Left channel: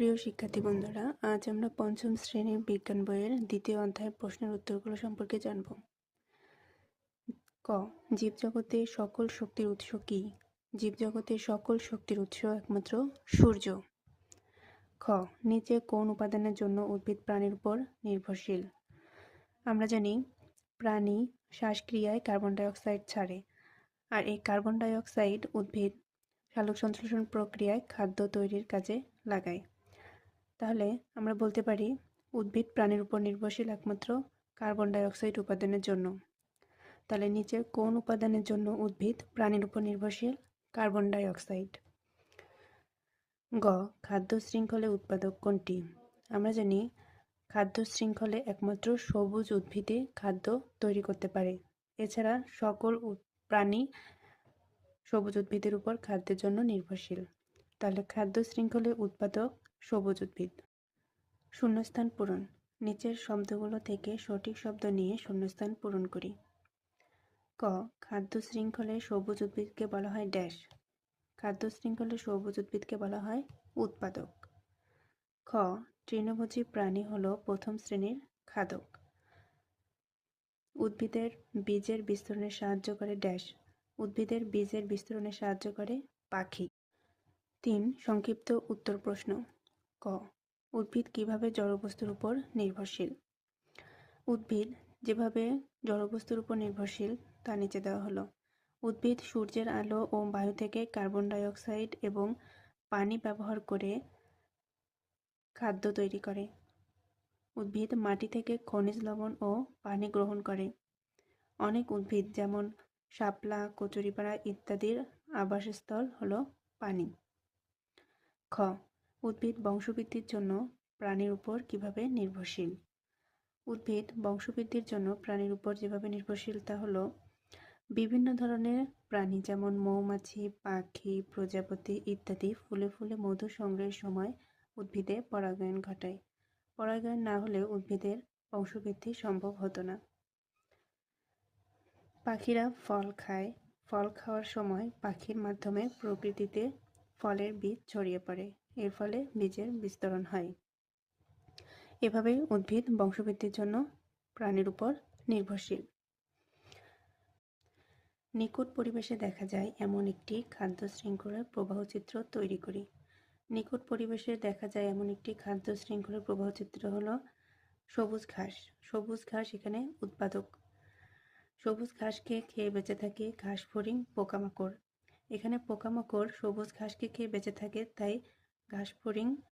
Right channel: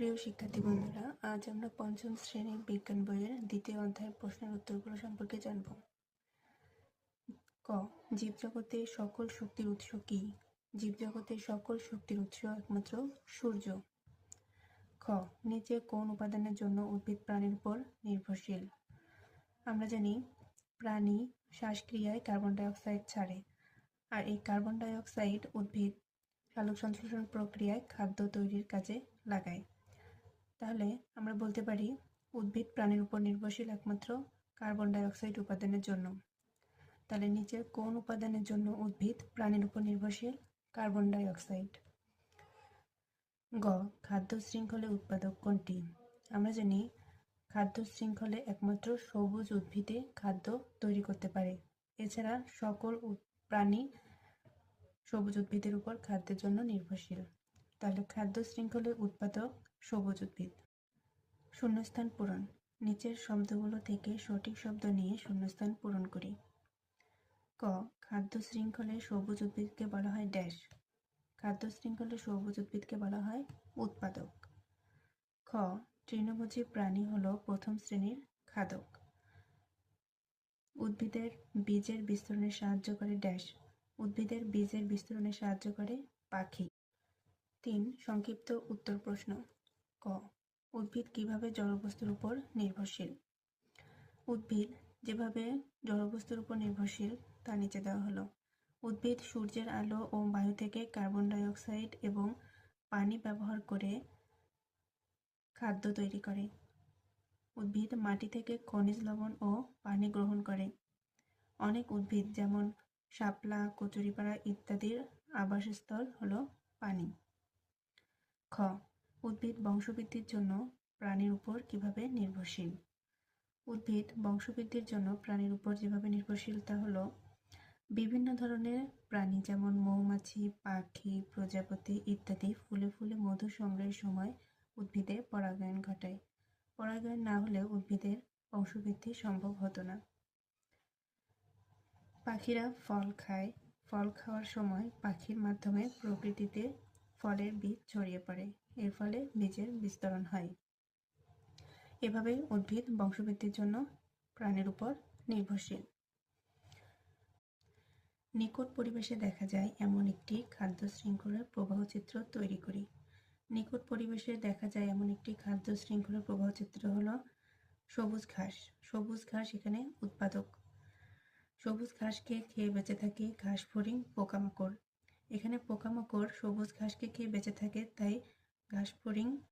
প্রিয় শিক্ষার্থী বন্ধুরা, আজ আমরা পঞ্চম শ্রেণীর বিজ্ঞান বইয়ের দ্বিতীয় অধ্যায়ের প্রশ্নের উত্তরগুলো সম্পর্কে জানব। ক. জীবজগতের সকল শক্তির উৎস কি? জীবজগতের সকল শক্তির উৎস একমাত্র সূর্য। খ. নিচে কোন উপাদানের জন্য উদ্ভিদ প্রাণীর উপর নির্ভরশীল? আমরা জানি প্রাণী শ্বাসক্রিয়ায় কার্বন ডাই অক্সাইড ছাড়ে, আর এই কার্বন ডাই অক্সাইড উদ্ভিদ সালোকসংশ্লেষণ প্রক্রিয়ায় খাদ্য তৈরির কাজে লাগায়। তাহলে আমরা বলতে পারি উদ্ভিদ প্রাণীর উপর নির্ভরশীল একমাত্র কার্বন ডাই অক্সাইড উপাদানের জন্য। তাহলে নিচে কোন উপাদানের জন্য উদ্ভিদ প্রাণীর উপর নির্ভরশীল? Carbon die oxide. গ. খাদ্য শৃঙ্খলে উৎপাদক কোনটি? আমরা জানি খাদ্য শৃঙ্খলে একমাত্র সবুজ উদ্ভিদে খাদ্য তৈরি করতে পারে। এছাড়া সকল প্রাণী সবুজ উদ্ভিদের উপর খাদ্যের জন্য নির্ভরশীল। তাহলে খাদ্য শৃঙ্খলে উৎপাদক সবুজ উদ্ভিদ। শূন্যস্থান পূরণ। নিচের শব্দগুলো থেকে সঠিক শব্দ নিয়ে শূন্যস্থান পূরণ করি। ক. খাদ্য শৃঙ্খলে সবুজ উদ্ভিদকে বলা হয় ড্যাশ। খাদ্য শৃঙ্খলে সবুজ উদ্ভিদকে বলা হয় উৎপাদক। খ. তৃণভোজী প্রাণী হলো প্রথম শ্রেণীর খাদক। উদ্ভিদের বীজের বিস্তরণে সাহায্য করে ড্যাশ। উদ্ভিদের বীজের বিস্তরণে সাহায্য করে পাখি। 3. সংক্ষিপ্ত উত্তর প্রশ্ন। ক. উদ্ভিদ কিভাবে জড়বস্তুর উপর নির্ভরশীল? উদ্ভিদ যেভাবে জড়বস্তুর উপর নির্ভরশীল তা নিচে দেওয়া হলো। উদ্ভিদ সূর্যের আলো ও বায়ু থেকে কার্বন ডাই অক্সাইড এবং পানি ব্যবহার করে খাদ্য তৈরি করে। উদ্ভিদ মাটি থেকে খনিজ লবণ ও পানি গ্রহণ করে। অনেক উদ্ভিদ যেমন শাপলা, কচুরিপানা ইত্যাদির আবাসস্থল হলো পানি। খ. উদ্ভিদ বংশবৃদ্ধির জন্য প্রাণীর উপর কিভাবে নির্ভরশীল? উদ্ভিদ বংশবৃদ্ধির জন্য প্রাণীর উপর যেভাবে নির্ভরশীল তা হলো বিভিন্ন ধরনের প্রাণী যেমন মৌমাছি, পাখি, প্রজাপতি ইত্যাদি ফুলে ফুলে মধু সংগ্রহের সময় উদ্ভিদে পরাগায়ন ঘটায়। পরাগায়ন না হলে উদ্ভিদের বংশবৃদ্ধি সম্ভব হতো না। পাখিরা ফল খায়। ফল খাওয়ার সময় পাখির মাধ্যমে প্রকৃতিতে ফলের বীজ ছড়িয়ে পড়ে। এর ফলে বীজের বিস্তরণ হয়। এভাবেই উদ্ভিদ বংশবৃদ্ধির জন্য প্রাণীর উপর নির্ভরশীল। নিকট পরিবেশে দেখা যায় এমন একটি খাদ্য শৃঙ্খলার প্রবাহচিত্র তৈরি করি। নিকট পরিবেশে দেখা যায় এমন একটি খাদ্য শৃঙ্খলার প্রবাহচিত্র হলো সবুজ ঘাস। সবুজ ঘাস এখানে উৎপাদক। সবুজ ঘাসকে খেয়ে বেঁচে থাকে ঘাস ফড়িং, পোকামাকড়। এখানে পোকামাকড় সবুজ ঘাসকে খেয়ে বেঁচে থাকে, তাই ঘাস ফড়িং